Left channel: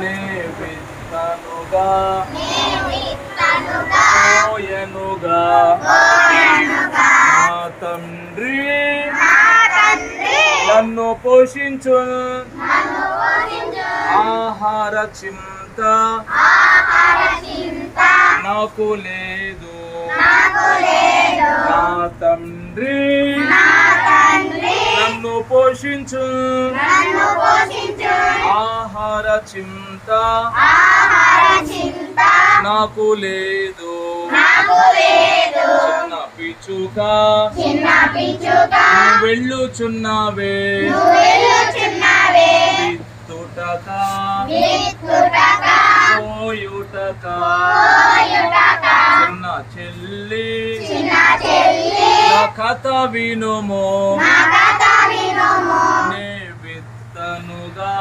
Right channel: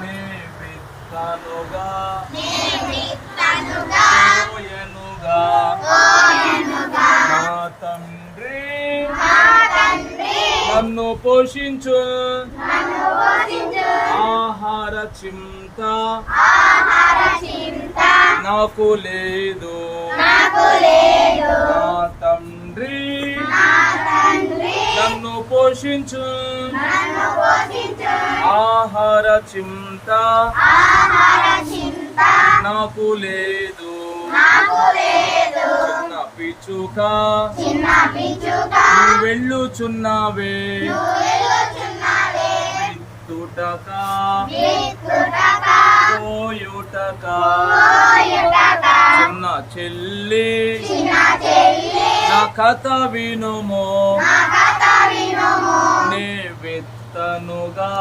నే విత్తనుగా పోయెనుగా నా తండ్రి నన్ను పోషించు ఆహార చింత నాకు లేదు నా తండ్రి నన్ను పోషించు ఆహార చింత నాకు లేదు చిన్న పిచ్చుక నువ్వు వెళ్ళుచున్నావే విత్తుటక పోయుటక చిన్న చెల్లి నా కథ వినుమో నే విత్తనుగా